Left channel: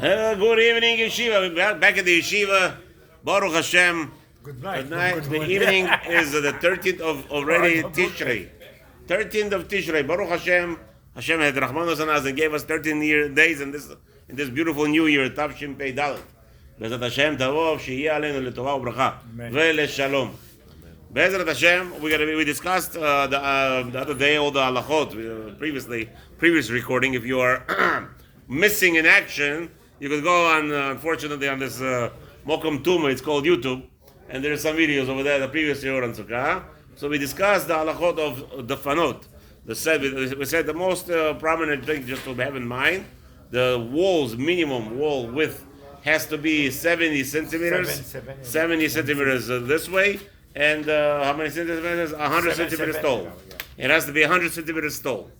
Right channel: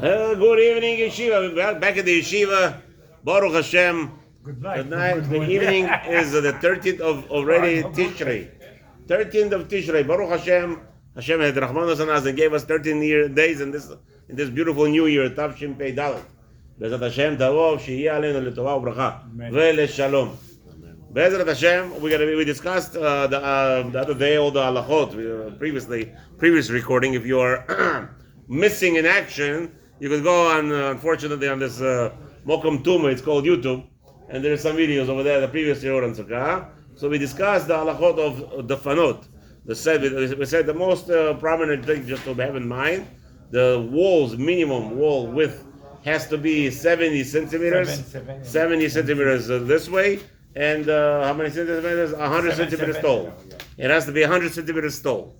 Good evening, yeshiva. We're back at the yeshiva. Baruch Hashem. Good night. Good night. The evening is the 13th of already Tishrei. 13th of Tishrei. Baruch Hashem. Hashem had Rahman Hasanaz and gave us 13 days in this beautiful new year. Tavshin Pei Dalet. Bezrat Hashem Tavov Sheyeh Aleinu L'Tova U'Bracha Ve'Leshalom. Bezrat Hashem. We discussed the other day all the halachot previous recording. If you are missing in action, you could go on, unfortunately, on this Mokum Tuma, it's called YouTube, and there are some videos over there, the previous year on Sukkah. So we discussed the halachot of the fanot. We said the most prominent thing just to have in mind, the minimum wall width has to be 70 centimeters. 70 centimeters this way, and how many centimeters? 100 centimeters tall. It has to be 100 centimeters tall.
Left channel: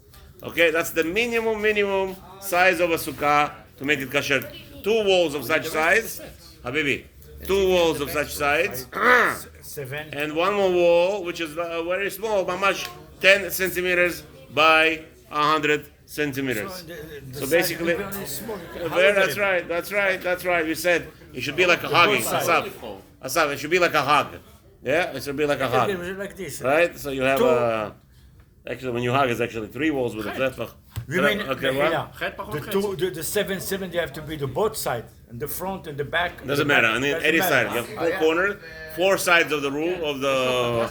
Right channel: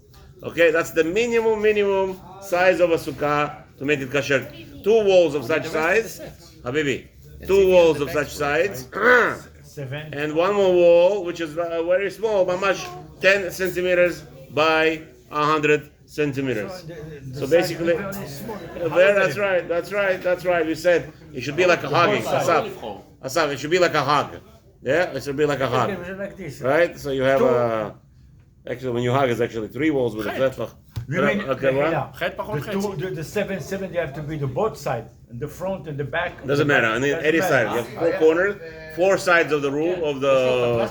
Okay, that's the minimum size of a sukkah to make it kasher. 2 walls of such size, Habibi. 2 walls of such size, and one more wall which is very small, mamash 10 centimeters by 100 centimeters. So basically, that's right. We said it should be like a hugging. Asaf, it should be like a hug. Yeah, it should be like a hug. Right? So you have actually, when you hug, it's actually 3 walls with a tefach. Okay, what? The 7 have to be the both sides, the front and the back. Doesn't matter. I mean, any side. You have 4 corners, 4 sides of the room of the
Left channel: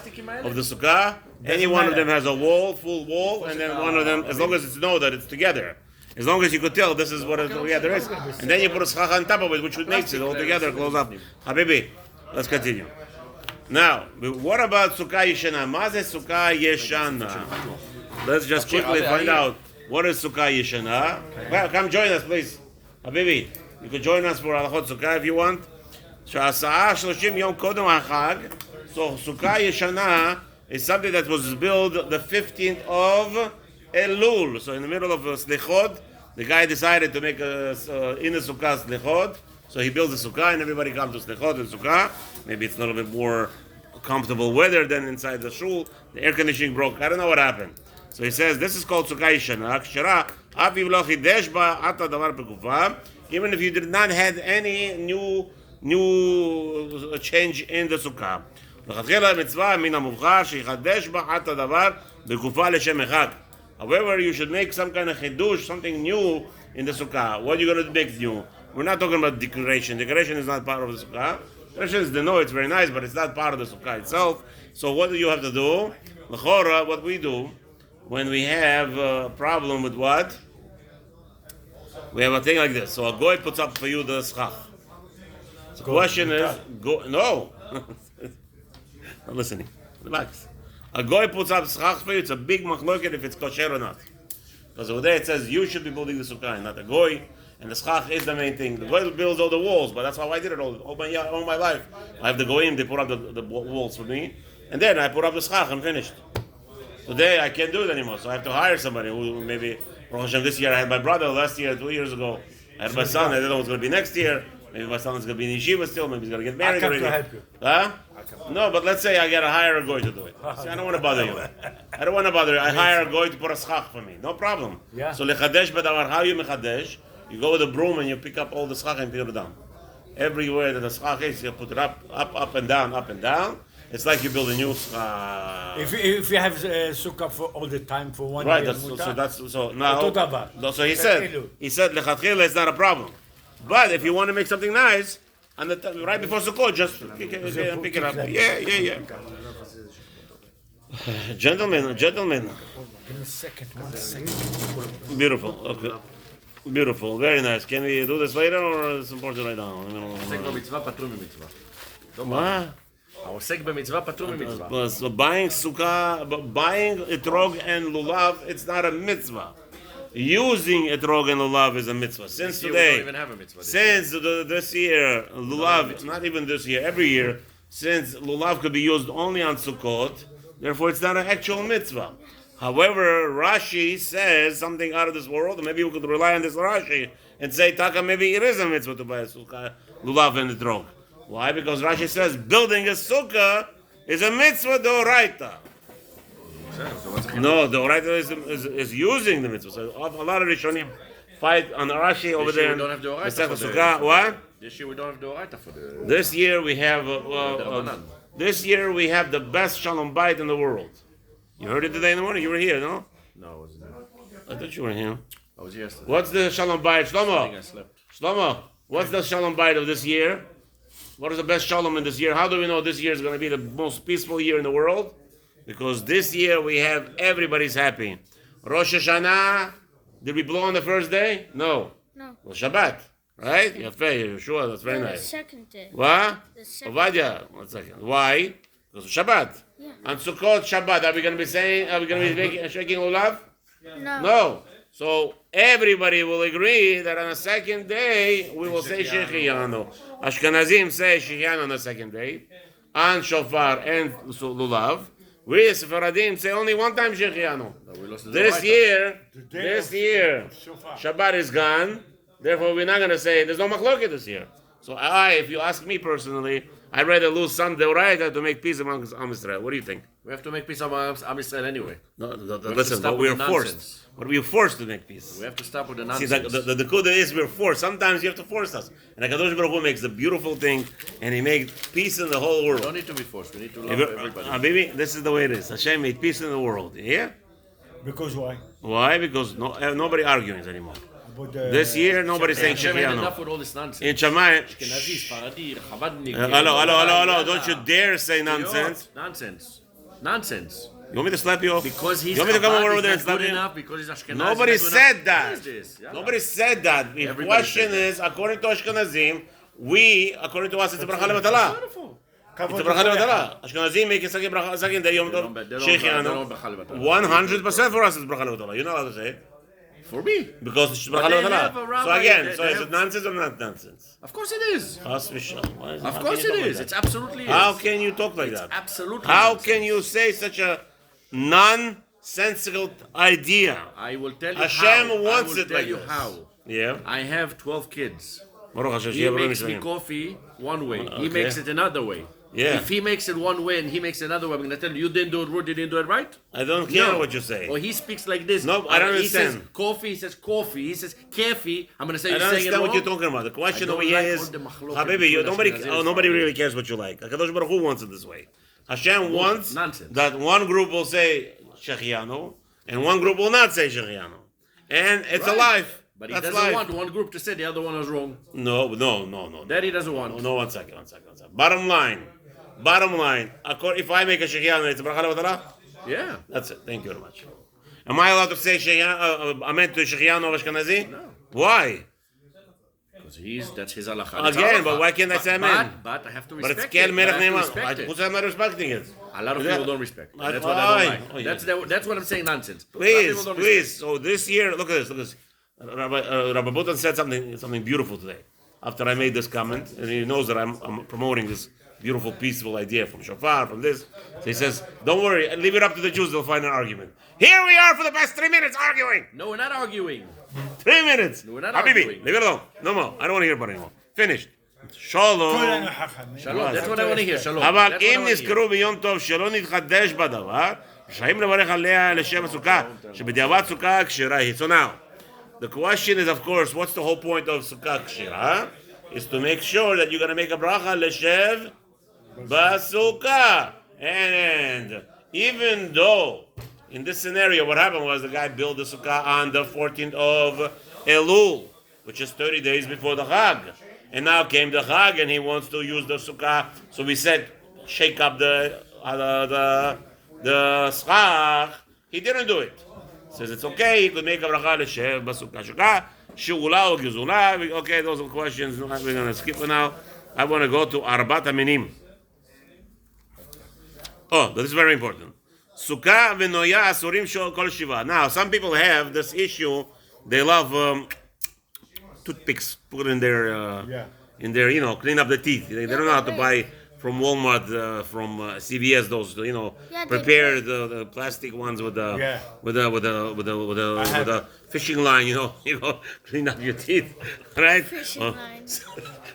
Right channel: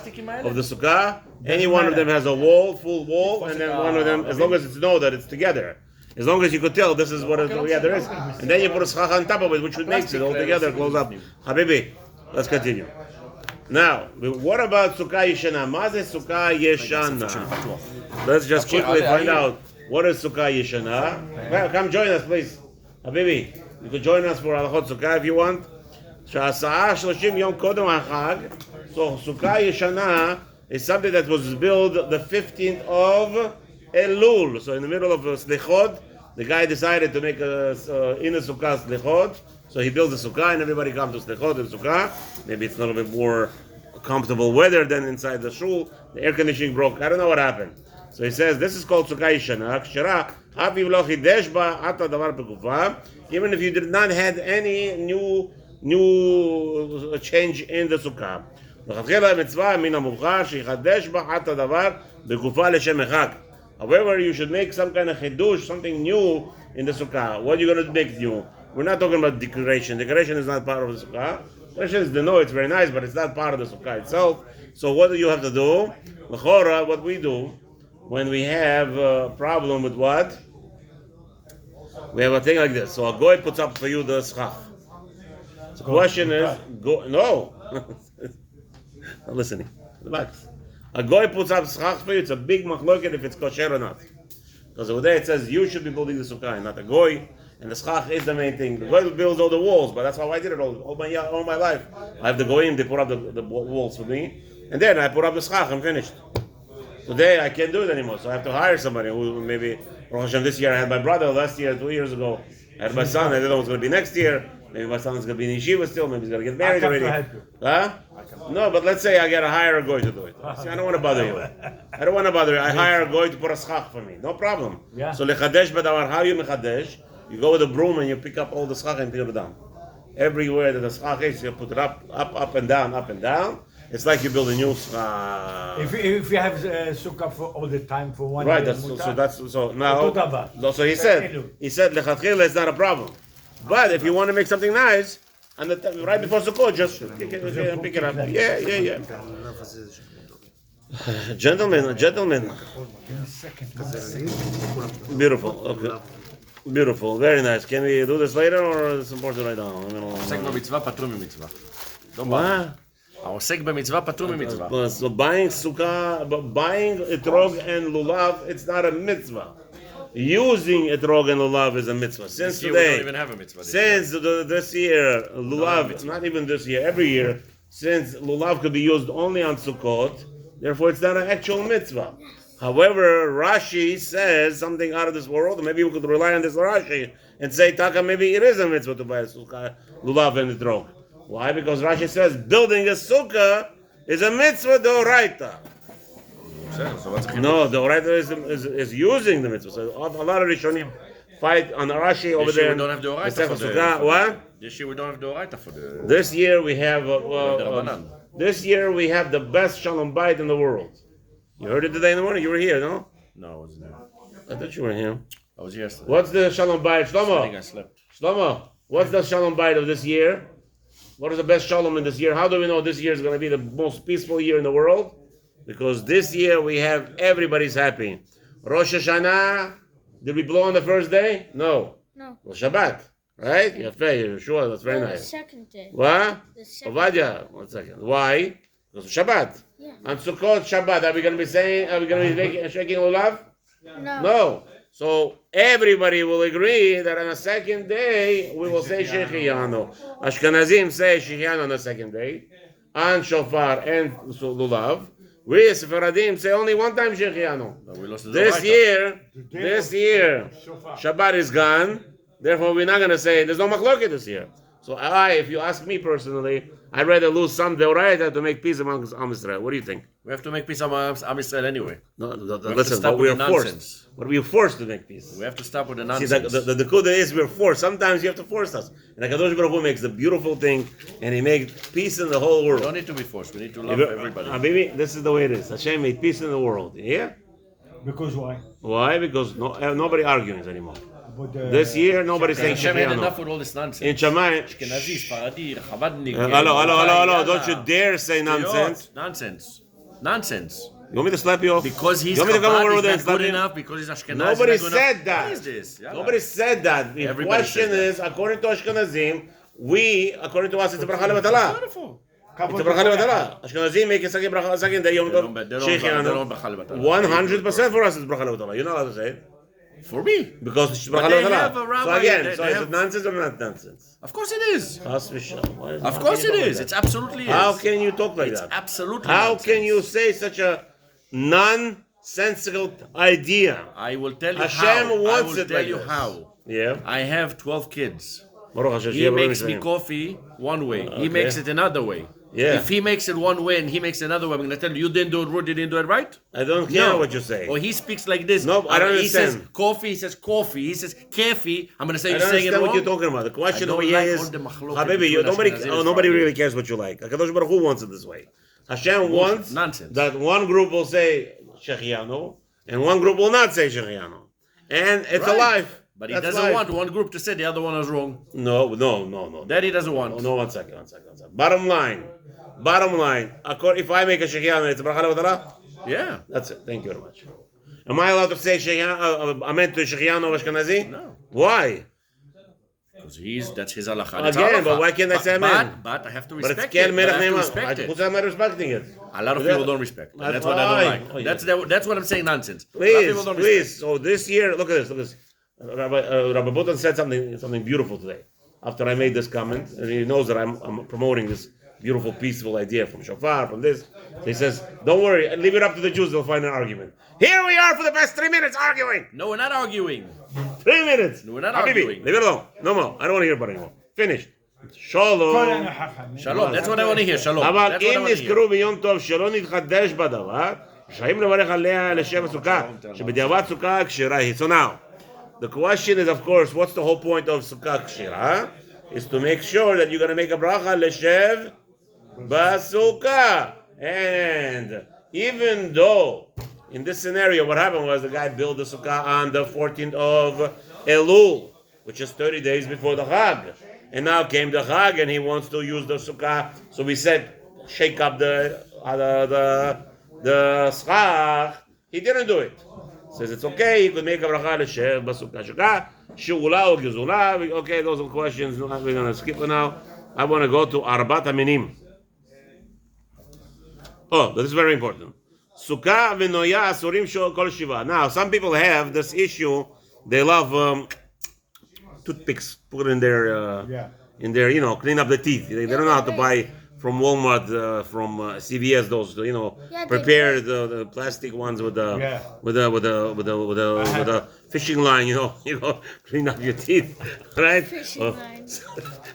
sukkah. Any one of them has a full wall, and then one of them, as long as it's know that it's together. As long as you could tell this is what together is, and then you put a schach on top of it, which makes it all together close up. Habibi, let's continue. Now, what about Sukkah Yeshana? Maze Sukkah Yeshana? Let's just quickly find out what is Sukkah Yeshana. Come join us, please. Habibi, you could join us for Halachot Sukkah if you want. So Sukkah Yeshana is something that was built the 15th of Elul. So in the middle of Slichot, the guy decided to make in the Sukkah Slichot. So he builds a sukkah and everybody comes to Slichot and Sukkah. Maybe it's a little bit more comfortable weather than inside the shul. The air conditioning broke. I don't know what happened. So he says this is called Sukkah Yeshana. Even if you did not have any new change in the Sukkah. However, you should make some kind of chidush, something new in the Sukkah. What are you going to make new? We're not talking about decoration. Decoration is not part of the Sukkah. Decoration is it's very nice, but it's not part of the Sukkah itself. So what do you have to do? L'chora, what we do when we have a problem with what? We have a thing like this. So a goy puts up for you the schach. The question is, no. Not listening. Relax. A goy puts up schach for you. It's a big machloket if it's kosher or not. Because over there it says you should be building the Sukkah, not a goy. And the schach is the main thing. The goy builds all the walls, but that's how I did it all my life. I have the goyim, they put up the walls for me, and then I put up the schach, I'm finished. Today I can't do it anymore, so I have to hire somebody who maybe, Baruch Hashem, this year I had my brother, last year, 2 years ago, I had my son, I don't know what's going to be next year. Maybe my son is going to be in yeshiva still, maybe he's going to get married already. To help you. Huh? No, but let's say I got to hire a goy to do it. See, I don't want to bother you. I don't want to bother you. I hire a goy to put a schach for me. No problem. Yeah. So lechadesh b'davar, how you mechadesh? You go with a broom and you pick up all the schach and take it down. Everywhere that the schach is, you put it up and down. It's like you build a new schach. If you have sukkah for all the time for 1 right, year, so now. So he said lechatchila is not a problem. But if you want to make something nice, right before Sukkot, just pick it up. Yeah. Gentlemen. Give me a second. Beautiful. Okay. Beautiful. Very nice. Can we do this later or is it important right now? העוסק במצווה פטור ממצווה. What? העוסק במצווה פטור ממצווה. So buying sukkah, buying etrog and lulav, it's not a mitzvah. Using etrog and lulav is a mitzvah. Since today, we don't even have a mitzvah this year, lulav, not even this year, every year, since lulav could be used only on Sukkot, therefore it's not an actual mitzvah. However, Rashi says something out of this world, and maybe we could rely on this Rashi and say, Taka, maybe it is a mitzvah to buy a sukkah, lulav and etrog. Why? Because Rashi says building a sukkah is a mitzvah d'oraita. No, the Oraita is using the mitzvah. So a lot of Rishonim fight on the Rashi over This year there. we don't have the Oraita Masechet for the- Sukkah. What? This year we don't have the Oraita for the... This year we have Rabbanan. this year we have the best Shalom Bayit in the world. You heard it today in the morning. You were here, no? No, I wasn't there. I thought you were here. I was yesterday. What's the Shalom Bayit, I think I Shlomo? slept. Shlomo, what's the Shalom Bayit of this year? What is the best Shalom in this year? How do we know this year is going to be the most peaceful year in the world? Because this year we have everybody's happy. Rosh Hashanah, did we blow on the first day? No. No. Well, Shabbat, right? Yafeh, sure, that's very The nice. second day. What? The second Ovadia, 1 second. Why? Because of Shabbat. Yeah. On Sukkot, Shabbat, are we going to be saying, are we going to be shaking Olav? No. No. So everybody will agree that on the second day we will say Shechianu. Ashkenazim say Shechianu on the second day, on Shofar and Lulav. We Sephardim say only one time Shechianu. No, we lost the This Oraita. year, Shabbat is gone. Therefore, we're not going to say there's no machloket this year. So if you ask me personally, I'd rather lose some deoraita to make peace amongst Am Yisrael. What do you think? We have to make peace among Am Yisrael anyway. No, have to listen, stop but we with are the forced. nonsense. But we are forced to make peace. We have to stop with the See, nonsense. the Kuda is we're forced. Sometimes you have to force us. And HaKadosh Baruch Hu makes the beautiful thing, and He makes peace in the whole We don't world. need to be forced. We need to love everybody. Baby, this is the way it is. Hashem made peace in the world. Yeah? Because why? Why? Because nobody arguing anymore. But, This year, nobody's saying Hashem had Shechianu. enough with all this nonsense. In Shammai, Ashkenazi, Sfaradi, Chavadnik. hello. Don't you dare say nonsense. Nonsense. Nonsense. You want me to slap you off? Because he's You want me to come over Chabad, there and he's not slap good you? enough, because he's Ashkenazi. Nobody he's not good said enough. that. What is this? Yalla. Nobody said that. The Everybody question said that. is, according to Ashkenazim, we, according to us, it's a bracha levatala. Beautiful. It's a bracha levatala. Ashkenazim make a second bracha, second day Yom Tov. They don't Shechianu. bracha levatala. 100% for us it's bracha levatala. You're not allowed to say it. For me. Because it's bracha But they have a levatala. rabbi, So again, they is have- it nonsense or not nonsense? Of course it is. Chas v'shalom. Why is Of course it is. It's absolutely is. How can you talk like It's that? absolutely How nonsense. can you say such a nonsensical idea? I will tell you Hashem how. wants I will it tell like you this. how. Yeah. I have 12 kids. Baruch Hashem, He yeah, Baruch makes me Hashem. coffee one way. Okay. He makes it another way. Yeah. If he makes it one way and he makes it another way, I'm going to tell you, you didn't do it right, you didn't do it right? I don't care No. what you say. Or he speaks like this. No, I don't He says understand. coffee, he says coffee. He says kefi. I'm going to say I you're don't saying it understand wrong. what you're talking about. The question I over don't here like is, all the machloket Habibi, between nobody, Ashkenazim and nobody Sephardim. really cares what you like. HaKadosh Baruch Hu wants it this way. Hashem wants Nonsense. that one group will say Shechianu, and one group will not say Shechianu. And it's a Right. life. But he That's doesn't life. want one group to say the other one is wrong. No. That he doesn't want. No, one second. Bottom line. If I make a Shechianu, it's a bracha levatala? Yeah. That's it. Thank you very much. Am I allowed to say Amen to Shechianu of Ashkenazi? No. Why? Because that's his halakha. That's Again, halakha. but why can't I say amen? But I have to But respect it's Kel it. Melech I have to Neiman. respect it. Who's am I respecting it? A lot of people don't respect. That's That's what I don't why. like. That's what I'm saying nonsense. A lot of people don't respect. Please. So this year, look at this. Rabbi Butan said something beautiful today. After I made this comment, and he knows that I'm promoting this beautiful, peaceful idea from Shofar, from this. So he says, don't worry, leave it up to the Jews, they'll find an argument. Here we are for the past 3 minutes arguing. No, we're not arguing. 3 minutes. No, we're not Habibi, arguing. leave it alone. No more. I don't want to hear about it anymore. Finished. Shalom. Shalom. That's what I want to hear. Shalom. אבל That's what I אם want to hear. נזכרו ביום טוב שלא נתחדש בדבר, רשאים לברך עליה לשם הסוכה, שבדיעבד סוכה כשרה היא. So now, the question is, of course, what's the whole point of סוכה כשרה? Is to make sure that you're going to make a bracha לשב בסוכה. And even though, in this scenario, what happened was the guy built the sukkah on the 14th of Elul, which is 30 days before the Chag. And now came the Chag, and he wants to use the sukkah. So we said, shake up the schach. He didn't do it. Says it's okay. He could make a bracha l'shev b'sukkah. Sukkah, she'ula or gezula. Okay, those are questions. We're gonna skip for now. I want to go to Arbat Aminim. Oh, this is very important. Sukkah v'noya asurim shel kol shiva. Now, some people have this issue. They love toothpicks. Put in their, clean up the teeth. They don't know how to buy from Walmart, from CVS. Those, prepared the plastic ones with the fishing line. Clean up your teeth, right? Fishing line.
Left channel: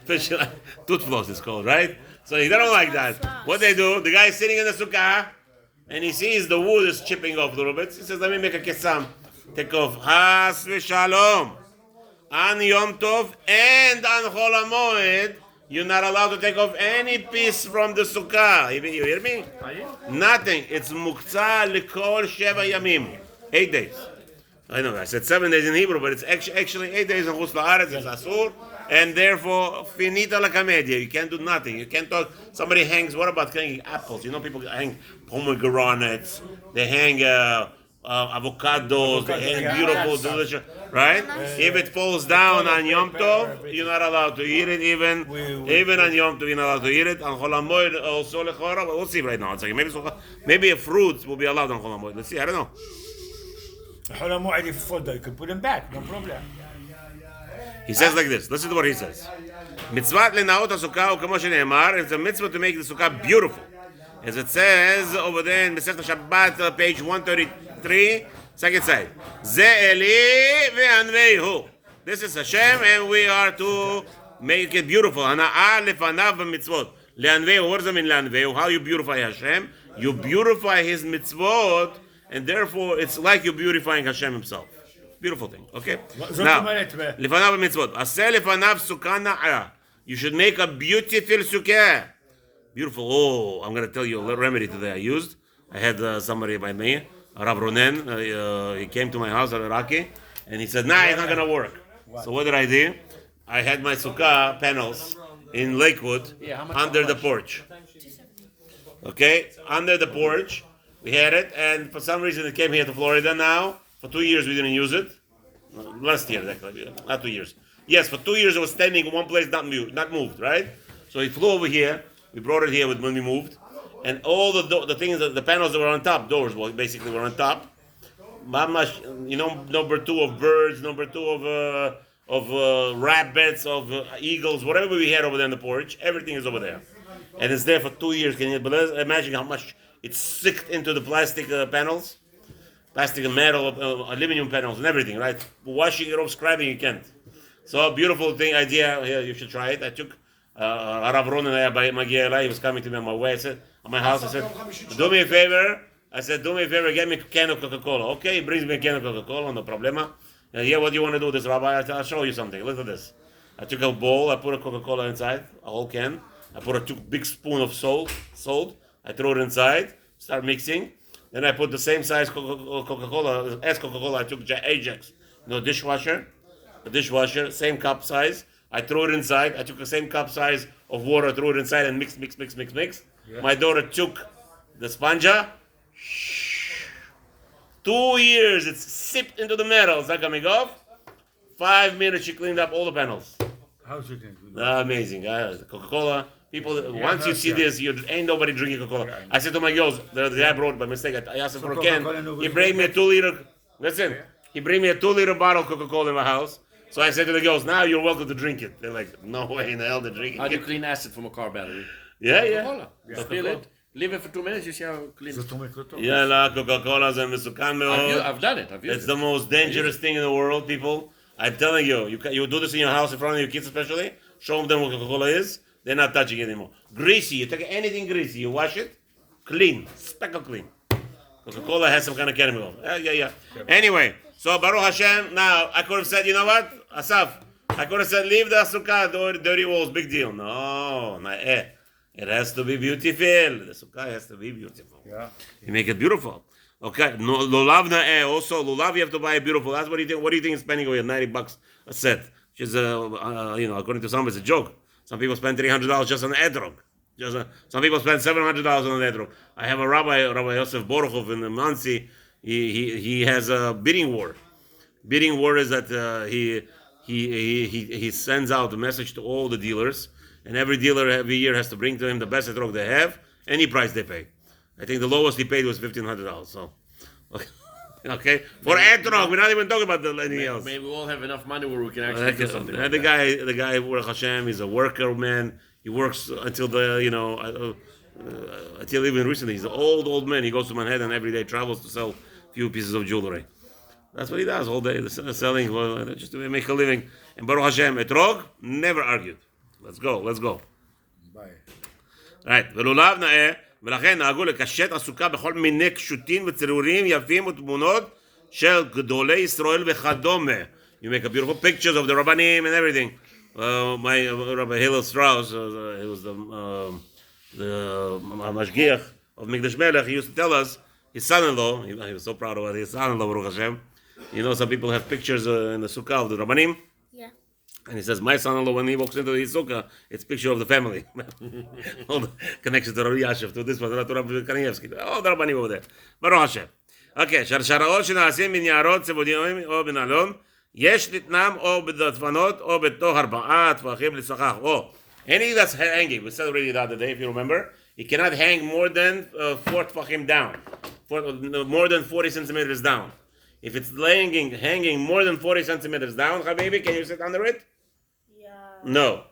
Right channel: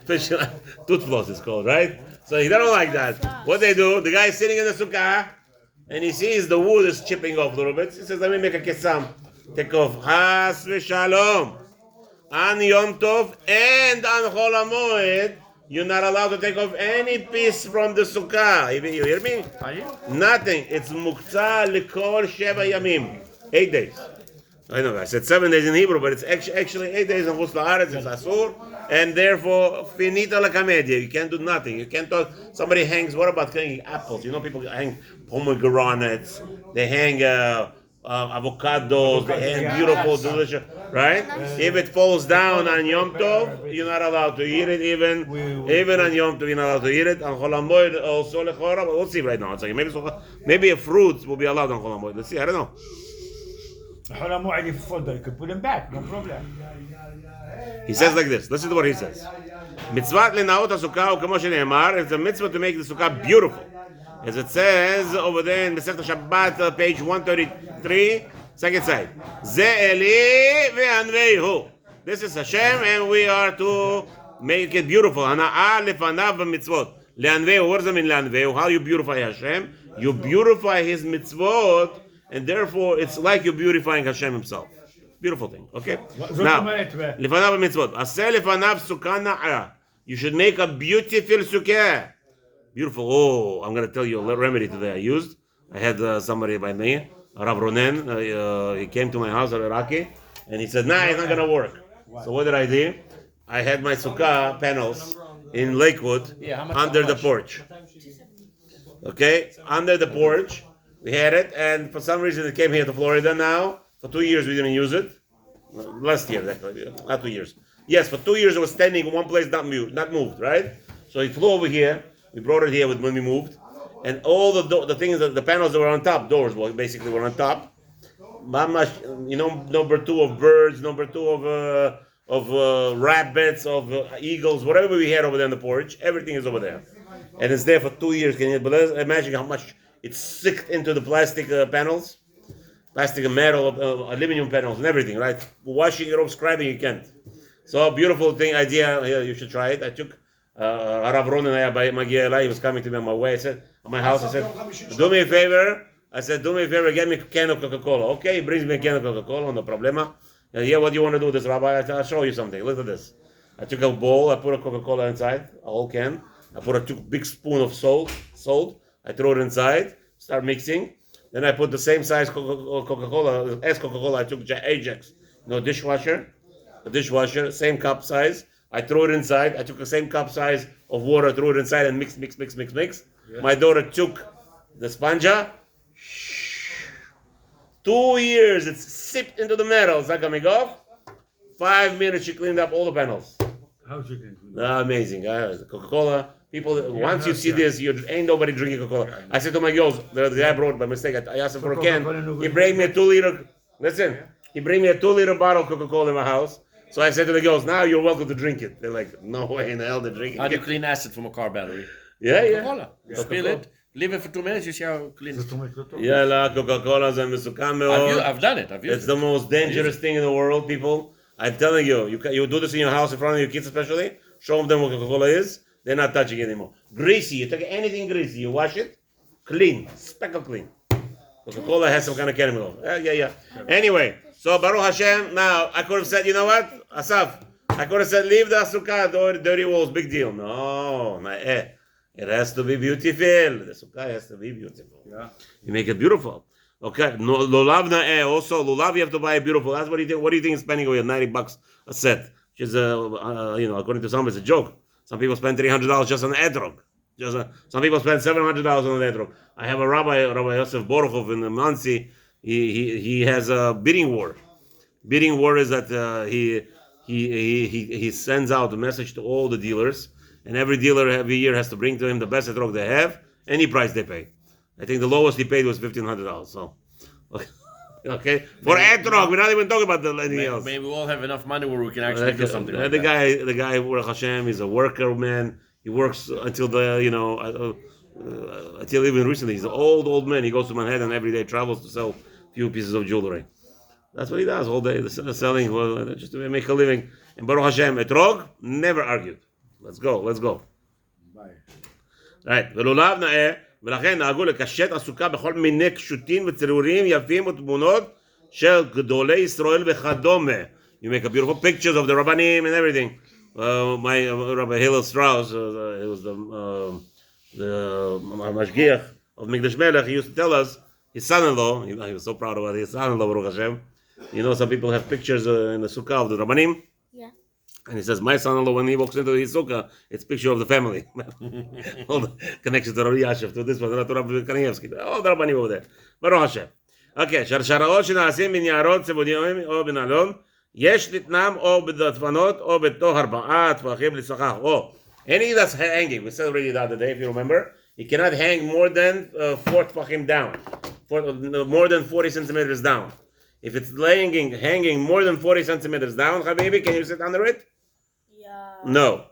Fishing line. Tooth floss is called, right? So they don't like that. What they do, the guy is sitting in the sukkah, and he sees the wood is chipping off a little bit. He says, let me make a kesam. Take off. Has v'shalom. on Yom Tov and on Chol HaMoed, you're not allowed to take off any piece from the sukkah. You hear me? Nothing. It's muktzah likol sheva yamim. 8 days. I know, I said 7 days in Hebrew, but it's actually 8 days in Chutz La'aretz, it's Asur, and therefore, finita la comedia. You can't do nothing. You can't talk. Somebody hangs, what about hanging apples? You know, people hang pomegranates, they hang avocados, they hang beautiful, delicious, right? If it falls down on Yom Tov, you're not allowed to eat it, even on Yom Tov, you're not allowed to eat it. On Chol HaMoed, also lechora, but we'll see right now. It's like maybe a fruit will be allowed on Chol HaMoed. Let's see, I don't know. You could put them back, no problem. He says like this. Listen to what he says. Mitzvah lenaot hasukah u'kamo shene'emar. It's a mitzvah to make the sukkah beautiful. As it says over there in Masechet Shabbat, page 133, second side. Ze Eli ve'anveihu. This is Hashem, and we are to make it beautiful. Hana'ah lefanav b'mitzvot. Le'anveihu. What does it mean, le'anveihu? How you beautify Hashem? You beautify His mitzvot, and therefore it's like you're beautifying Hashem Himself. Beautiful thing. Okay? Now, lefanav b'mitzvot. Aseh lefanav sukkah na'ah. You should make a beautiful sukkah. Beautiful. Oh, I'm going to tell you a little remedy today I used. I had somebody by me, Rav Ronen. He came to my house at Iraqi, and he said, nah, it's not going to work. So what did I do? I had my sukkah panels in Lakewood under the porch. Okay? Under the porch. We had it, and for some reason it came here to Florida now. For 2 years we didn't use it. Last year, actually. Not 2 years. Yes, for 2 years it was standing in one place, not moved, right? So it flew over here. We brought it here when we moved, and all the things, the panels that were on top, doors basically were on top. You know, number 2 of birds, number 2 of rabbits, of eagles, whatever we had over there on the porch, everything is over there, and it's there for 2 years. Can you imagine how much it's sicked into the plastic panels, plastic and metal, aluminum panels, and everything, right? Washing it off, scrubbing, you can't. So beautiful thing, idea. Here, you should try it. I took. Rav Ronen, he was coming to me on my way. I said, at my house, I said, do me a favor. Get me a can of Coca-Cola. Okay, he brings me a can of Coca-Cola, no problema. Yeah, what do you want to do with this, Rabbi? I'll show you something. Look at this. I took a bowl, I put a Coca-Cola inside, a whole can. I put a big spoon of salt. I throw it inside, start mixing. Then I put the same size Coca-Cola, as Coca-Cola, I took Ajax, a dishwasher, same cup size. I threw it inside. I took the same cup size of water, threw it inside, and mix. Yeah. My daughter took the spanja. 2 years, it's sipped into the metal. It's not coming off. 5 minutes, she cleaned up all the panels. How's it doing? Amazing. Coca-Cola. People, once you see this, ain't nobody drinking Coca-Cola. Yeah. I said to my girls, the guy brought by mistake. I asked him for a can. He bring me a 2 liter. Listen, he bring me a 2 liter bottle of Coca-Cola in my house. So I said to the girls, now you're welcome to drink it. They're like, no way in the hell they're drinking it. How do you clean acid from a car battery? Yeah. Coca-Cola. You spill it, leave it for 2 minutes, you see how clean it is. Yeah, Coca-Cola is מסוכן מאוד. I've done it. It's the most dangerous thing in the world, people. I'm telling you, you do this in your house in front of your kids especially, show them what Coca-Cola is, they're not touching it anymore. Greasy, you take anything greasy, you wash it, clean, speckle clean. Coca-Cola has some kind of chemical. Yeah. Anyway, so Baruch Hashem, now I could have said, you know what, Asaf, I could have said, leave the sukkah, dirty walls, big deal. No, it has to be beautiful. The sukkah has to be beautiful. Yeah. You make it beautiful. Okay, lulav na'eh, also lulav you have to buy it beautiful. That's what do you think? What do you think is spending away $90 a set? Which is, according to some, it's a joke. Some people spend $300 just on the etrog. Some people spend $700 on the etrog. I have a Rabbi Yosef Borchov in the Mansi. He has a bidding war. Bidding war is that he sends out a message to all the dealers, and every dealer every year has to bring to him the best etrog they have, any price they pay. I think the lowest he paid was $1,500. So, okay, for etrog, we're not even talking about anything else. Maybe we all have enough money where we can actually do something. The guy, Baruch Hashem, he's a worker man. He works until until even recently. He's an old man. He goes to Manhattan every day, travels to sell a few pieces of jewelry. That's what he does all day, selling, just to make a living. And Baruch Hashem, etrog, never argued. Let's go. Bye. Right. ולולב נאה, ולכן נהגו לקשט הסוכה בכל מיני קשוטים וציורים יפים ותמונות של גדולי ישראל וכדומה. You make a beautiful pictures of the Rabbanim and everything. My Rabbi Hillel Strauss, he was the Mashgiach of Mikdash Melech. He used to tell us his son-in-law. He was so proud of it. His son-in-law, Baruch Hashem. Some people have pictures in the sukkah of the Rabbanim. Yeah. And he says, my son-in-law, when he walks into his sukkah, it's a picture of the family. All the connections to Rabbi Yashiv, to this one, to Rabbi Kanievsky. All the Rabbanim over there. Baruch Hashem. Okay, שרשראות שנעשים מניירות צבעוניים או בנעלון, יש לתנם או בדפנות או בתוך 4 טפחים לסכך. Any that's hanging, we said already the other day, if you remember, it cannot hang more than 4 tefachim down, more than 40 centimeters down. If it's hanging more than 40 centimeters down, Habibi, can you sit under it? Yeah. No.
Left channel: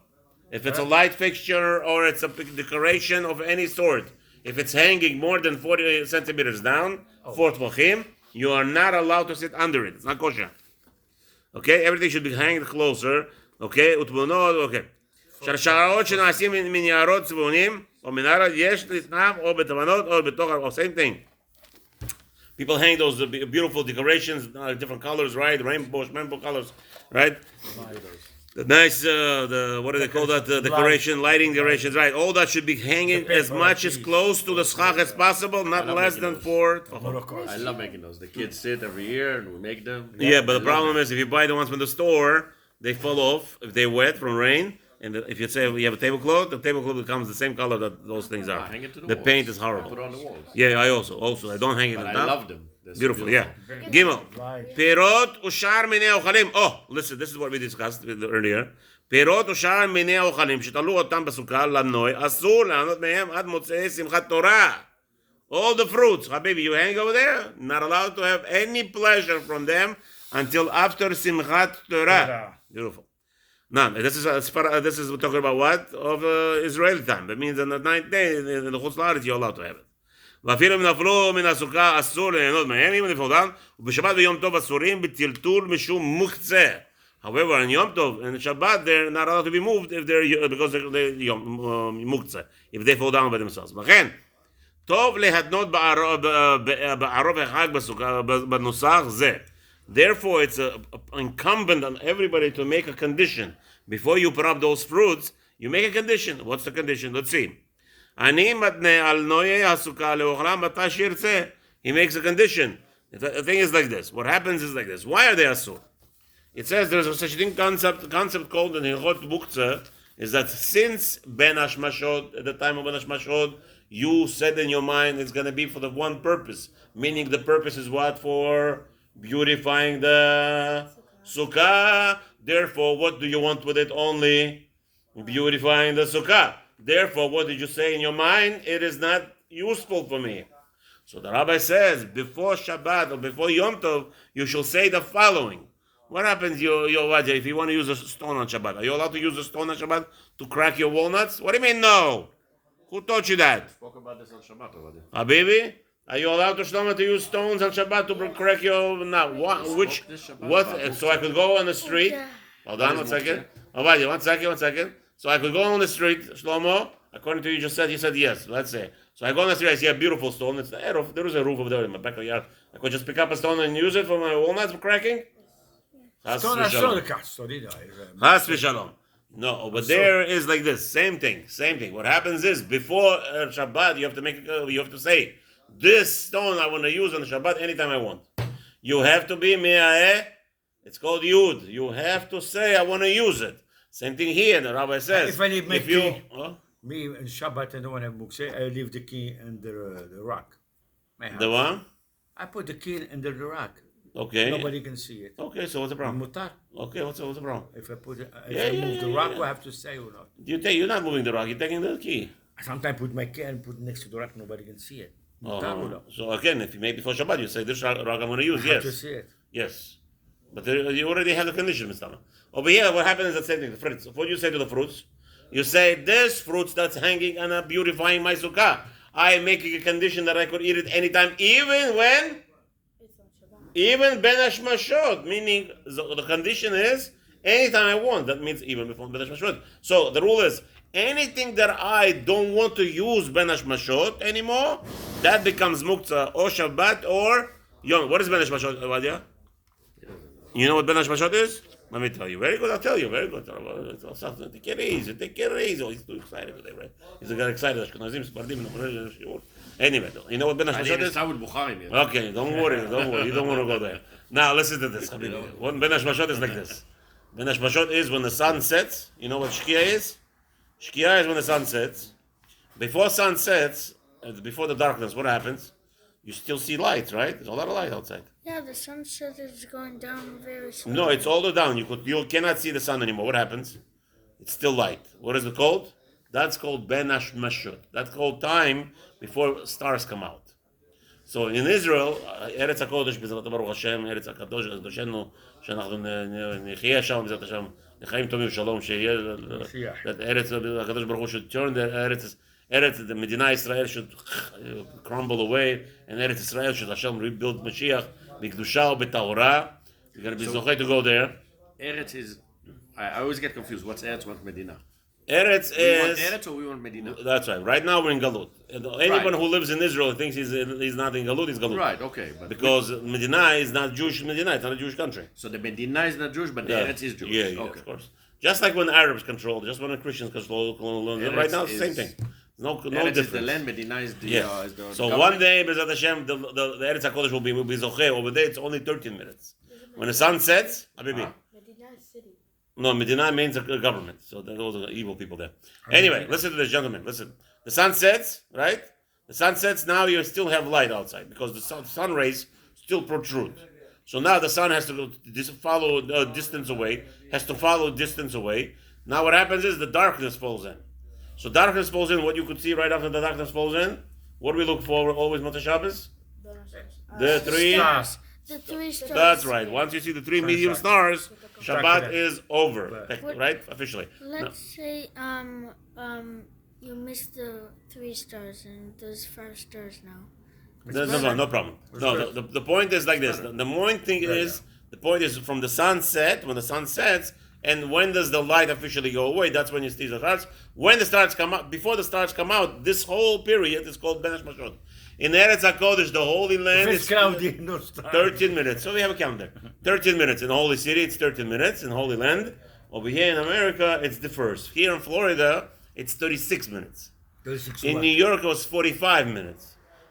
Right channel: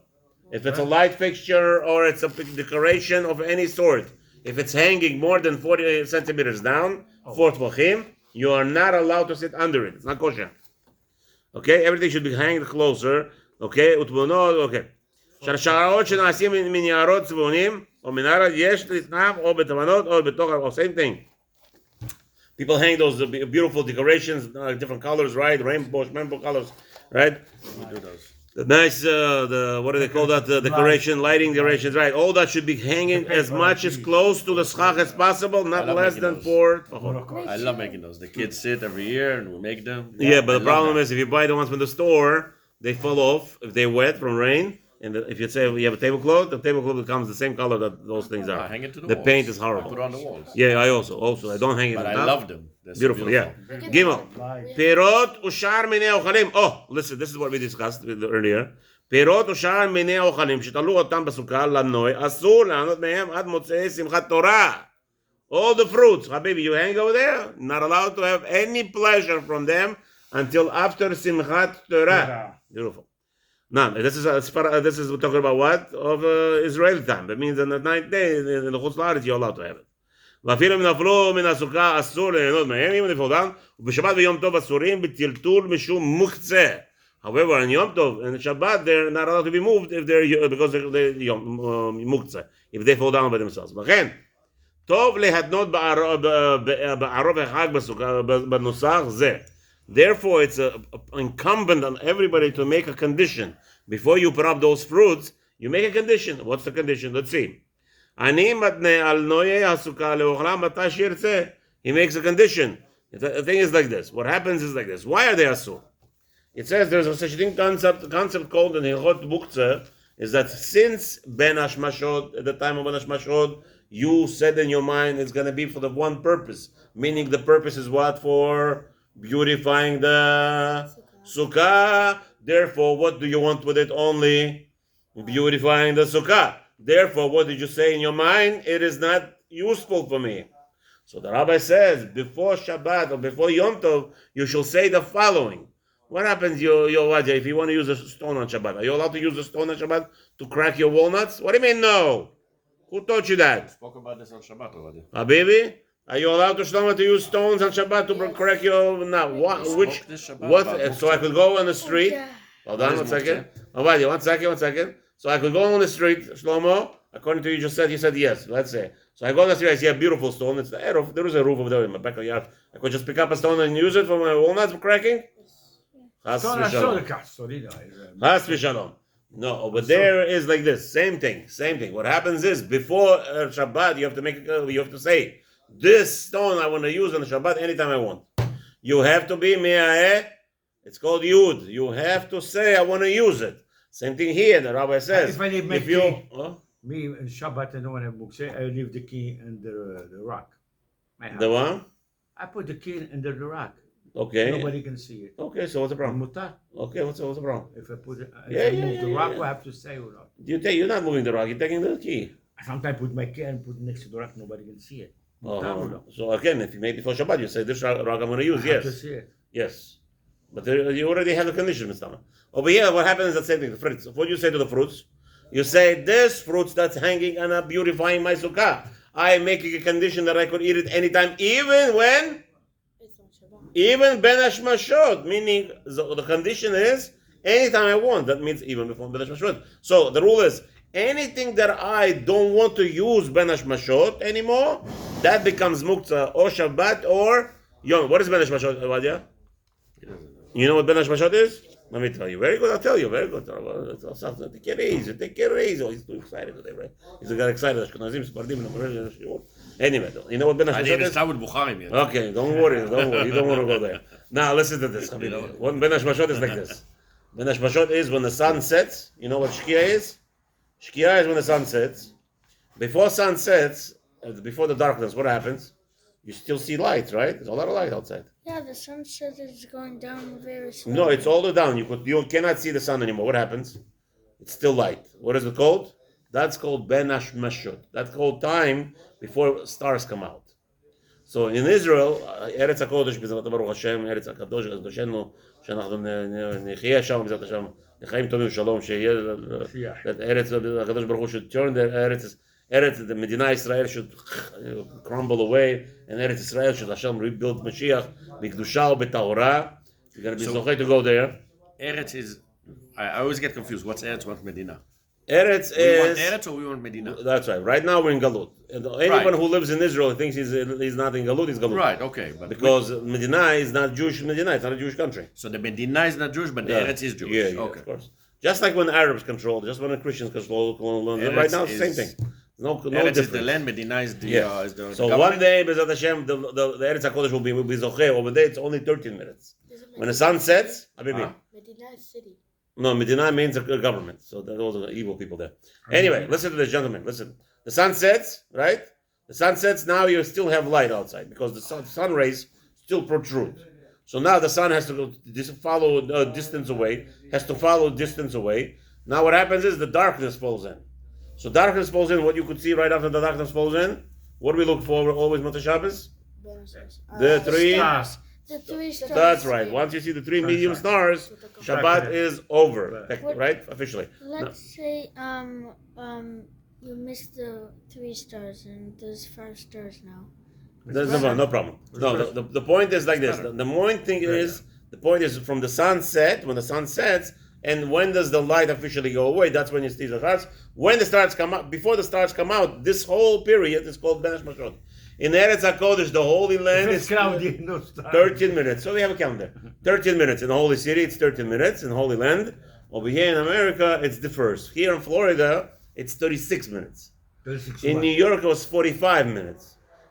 If it's a light fixture or it's a decoration of any sort, if it's hanging more than 40 centimeters down, 4 tefachim, you are not allowed to sit under it. It's not kosher. Okay, everything should be hanged closer. Okay, okay. שרשראות שנעשים מניירות צבעוניים או מנהרה יש לתנם או בתבנות או בתוך, same thing. People hang those beautiful decorations, different colors, right? Rainbow colors, right? The nice, what do they call that? The decoration, lighting decorations, right? All that should be hanging as much as close to the schach as possible, not less than 4. I love making those. The kids sit every year and we make them. Yeah, but the problem is if you buy the ones from the store, they fall off if they're wet from rain. And if you say you have a tablecloth, the tablecloth becomes the same color that those things are. Hang it to the walls. paint is Put horrible. it on the walls. Yeah, I also I don't hang it But on I top. love them. They're so Beautiful, yeah. Gimel. Perot ushar minei ochalim. Listen, this is what we discussed earlier. פירות ושאר מיני האוכלים שתלו אותם בסוכה לנוי, אסור לענות מהם עד מוצאי שמחת תורה. All the fruits, Habibi, you hang over there, not allowed to have any pleasure from them until after Simchat Torah. Beautiful. Now, this is we're talking about what? Of Israeli time. That means on the 9th day, in the Chutz La'aretz, you're allowed to have it. ואפילו אם נפלו מן הסוכה אסור ליהנות מהם, אם נפלו אותם, ובשבת ויום טוב אסורים בטלטול משום מוקצה. However, on Yom Tov and Shabbat, they're not allowed to be moved if because they're muktzah, if they fall down by themselves. לכן, טוב להתנות בערוב החג בנוסח זה. Therefore, it's incumbent on everybody to make a condition. Before you put up those fruits, you make a condition. What's the condition? Let's see. אני מתנה על נויי הסוכה לאוכלם מתי שירצה. He makes a condition. The thing is like this. What happens is like this. Why are they asur? It says there's a such thing concept called in Hilchot Muktzah is that since Ben Hashmashod, at the time of Ben Hashmashod, you said in your mind it's going to be for the one purpose, meaning the purpose is what? For beautifying the sukkah. Therefore, what do you want with it? Only beautifying the sukkah. Therefore, what did you say in your mind? It is not useful for me. So the rabbi says, before Shabbat or before Yom Tov, you shall say the following. What happens, if you want to use a stone on Shabbat? Are you allowed to use a stone on Shabbat to crack your walnuts? What do you mean, no? Who taught you that? Spoke about this on Shabbat already. Habibi? Are you allowed to use stones on Shabbat to crack your... Now, what? So I could go on the street... Hold on, 1 second. One second. So I could go on the street, Shlomo, according to you just said, you said yes, let's say. So I go on the street, I see a beautiful stone, it's the roof, there is a roof over there in my backyard. I could just pick up a stone and use it for my walnuts for cracking? Chas v'shalom. No, but there is like this, same thing. What happens is, before Shabbat, you have to say, this stone I want to use on Shabbat anytime I want. You have to be me'a'eh, it's called yud. You have to say, I want to use it. Same thing here, the rabbi says. If I need me in Shabbat, I don't want to have books. I leave the key under the rock. The what? I put the key under the rock. Okay. Nobody can see it. Okay, so what's the problem? Mutar. Okay, what's the problem? If I put it, if I move the rock, I have to say or not. You're not moving the rock, you're taking the key. Sometimes I put my key and put it next to the rock, nobody can see it. So again, if you made before Shabbat, you say, this rock I'm going to use, I have to see it. Yes. But you already have the condition, Mr. Over here, what happens is the same thing. The fruits. What do you say to the fruits? You say, this fruits that's hanging and beautifying my sukkah. I am making a condition that I could eat it anytime, even when? Even Ben Hashmashot. Meaning, the condition is, anytime I want. That means even before Ben Hashmashot. So, the rule is, anything that I don't want to use Ben Hashmashot anymore, that becomes Muktzah or Shabbat or Yom. What is Ben Hashmashot, Avadia? You know what Ben Hashmashot is? Let me tell you. Very good. I'll tell you. Very good. Take it easy. Take it easy. Oh, he's too excited today, right? He's got excited. Anyway, you know what Ben Hashmashot is? Okay, don't worry. You don't want to go there. Now listen to this. What Ben Hashmashot is like this. Ben Hashmashot is when the sun sets. You know what Shkia is? Shkia is when the sun sets. Before sun sets, before the darkness, what happens? You still see light, right? There's a lot of light outside. Yeah, the sunset is going down very slowly. No, it's all the way down. You cannot see the sun anymore. What happens? It's still light. What is it called? That's called Ben Hashmashot. That's called time before stars come out. So in Israel, Eretz HaKodesh, B'ezrat Baruch Hashem, Eretz HaKadosh, Kadoshenu, שאנחנו נחיה שם, בעזרת השם, לחיים טובים ושלום, שיהיה, that Eretz HaKadosh Baruch Hu should turn the Eretz, the Medina Israel should crumble away, and Eretz Israel should Hashem rebuild Mashiach, b'kedusha u'b'tahora. You're going to be zochei to go there. Eretz is, I always get confused. What's Eretz, what's Medina? Eretz We is... want Eretz or we want Medina? That's right. Right now we're in Galut. And anyone who lives in Israel thinks he's not in Galut, he's Galut. Right, okay. But because Medina is not Jewish Medina, it's not a Jewish country. So the Medina is not Jewish, but the Eretz is Jewish. Yeah, okay. Of course. Just like when the Arabs control, just when the Christians control, right now it's the same thing. No difference. Is the land, Medina is the, is the so one day, B'ezrat Hashem, the Eretz HaKodesh will be zocheh. Over there, it's only 13 minutes. When the sun sets, Habibi. Medina is city. No, Medina means a government. So those are evil people there. Anyway, listen to this, gentlemen. Listen. The sun sets, right? The sun sets, now you still have light outside because the sun rays still protrude. So now the sun has to go follow distance away, Now what happens is the darkness falls in. So darkness falls in, what you could see right after the darkness falls in, what do we look for always, Motzei Shabbos? The three stars. The 3 stars. That's right. Once you see the 3 medium stars, Shabbat is over, right? Officially. Let's say you missed the 3 stars and there's 5 stars now. No problem. No, the point is like this. The point is from the sunset, when the sun sets, and when does the light officially go away? That's when you see the stars. When the stars come out, before the stars come out, this whole period is called Ben Hashmashot. In Eretz HaKodesh, the Holy Land is 13 minutes. So we have a calendar. 13 minutes. In the Holy City, it's 13 minutes. In the Holy Land. Over here in America, it's the first. Here in Florida, it's 36 minutes. In New York, it was 45 minutes.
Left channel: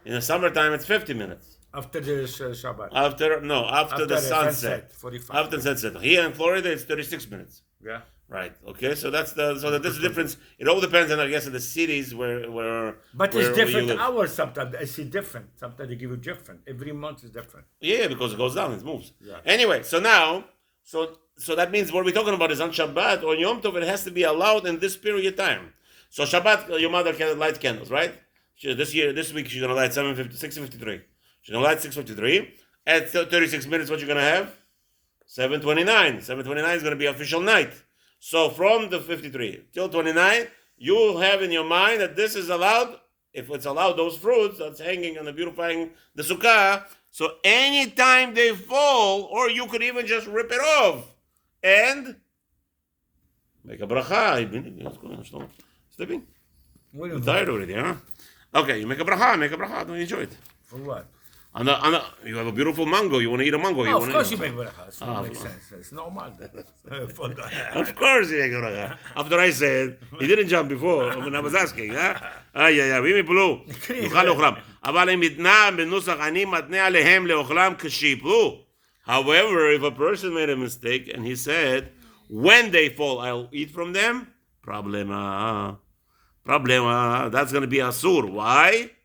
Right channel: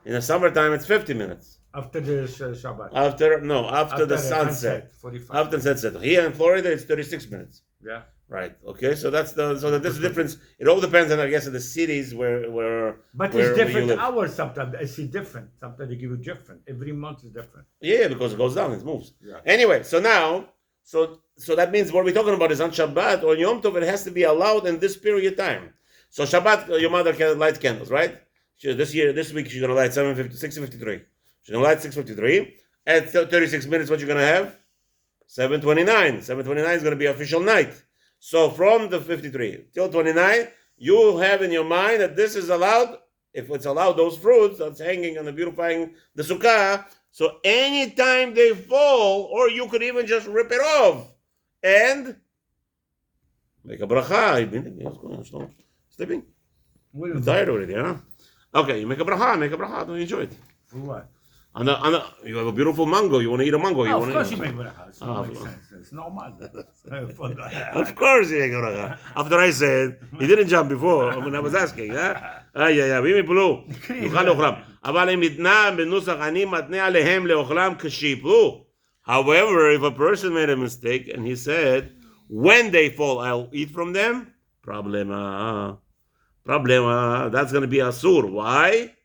In the summertime, it's 50 minutes. After the Shabbat. After the sunset. 45. After the sunset. Here in Florida, it's 36 minutes. Yeah. Right. Okay. So that's the difference. It all depends on, I guess, in the cities where. But it's different hours sometimes. I see different. Sometimes they give you different. Every month is different. Yeah, because it goes down, it moves. Yeah. Anyway, so now, so that means what we're talking about is on Shabbat or Yom Tov. It has to be allowed in this period of time. So Shabbat, your mother can light candles, right? This week she's gonna light 6:53. She's gonna light 6:53. At 36 minutes, what you're gonna have? 7:29. 7:29 is gonna be official night. So from the 53 till 29, you have in your mind that this is allowed. If it's allowed, those fruits that's hanging and beautifying the sukkah. So anytime they fall, or you could even just rip it off and make a bracha. Sleeping? I'm tired already, huh? Okay, you make a bracha. Don't enjoy it. For what? You have a beautiful mango. You want to eat a mango. Of course you make bracha. It makes sense. It's normal. Of course you make a bracha. After I said, he didn't jump before when I was asking. ואם יפלו, יאכל לאוכלם. אבל אם ניתנה בנוסח אני מתנה עליהם לאוכלם כשיפלו. However, if a person made a mistake and he said, when they fall, I'll eat from them, problema. That's going to be asur. Why?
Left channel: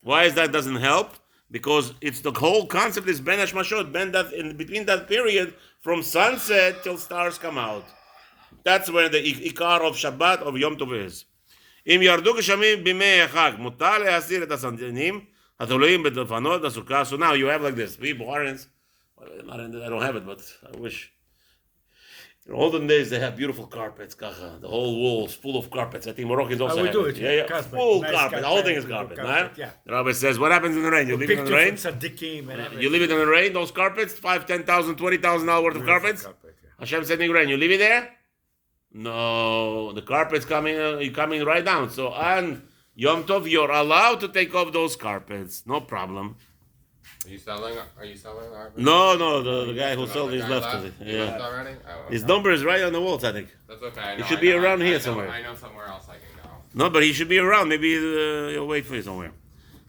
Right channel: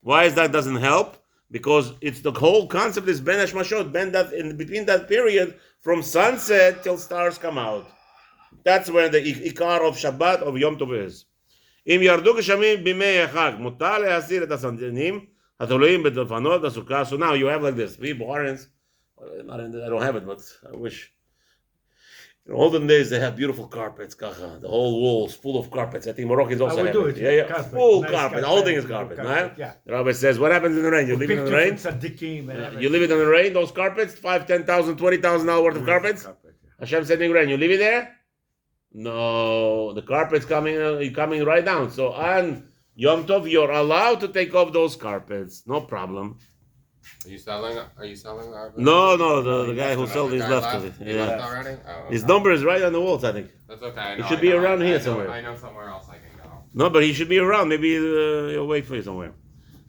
Why is that doesn't help? Because it's the whole concept is Ben Hashmashot, that in between that period from sunset till stars come out. That's where the ikar of Shabbat of Yom Tov is. אם ירדו גשמים בימי החג, מותר להסיר את הסנדלים התלויים בדלפנות הסוכה. So now you have like this. We Bukharians, I don't have it, but I wish. In olden days, they have beautiful carpets, kacha. The whole walls full of carpets. I think Moroccans also have it. Yeah. Carpet. Full Nice carpet. The whole thing is carpet, right? Yeah. The rabbi says, what happens in the rain? You leave it in the rain? You leave it in the rain, those carpets, $5,000, $10,000, $20,000 worth of carpets? Hashem sending rain. You leave it there? No, the carpet's coming right down. So on Yom Tov, you're allowed to take off those carpets. No problem. Are you selling? Are you selling our? No, the guy who sold his guy left. left? Yeah. Already? Oh, His number is right on the walls, I think. That's okay. He should be around here somewhere. I know somewhere else I can go. No, but he should be around. Maybe he'll wait for you somewhere.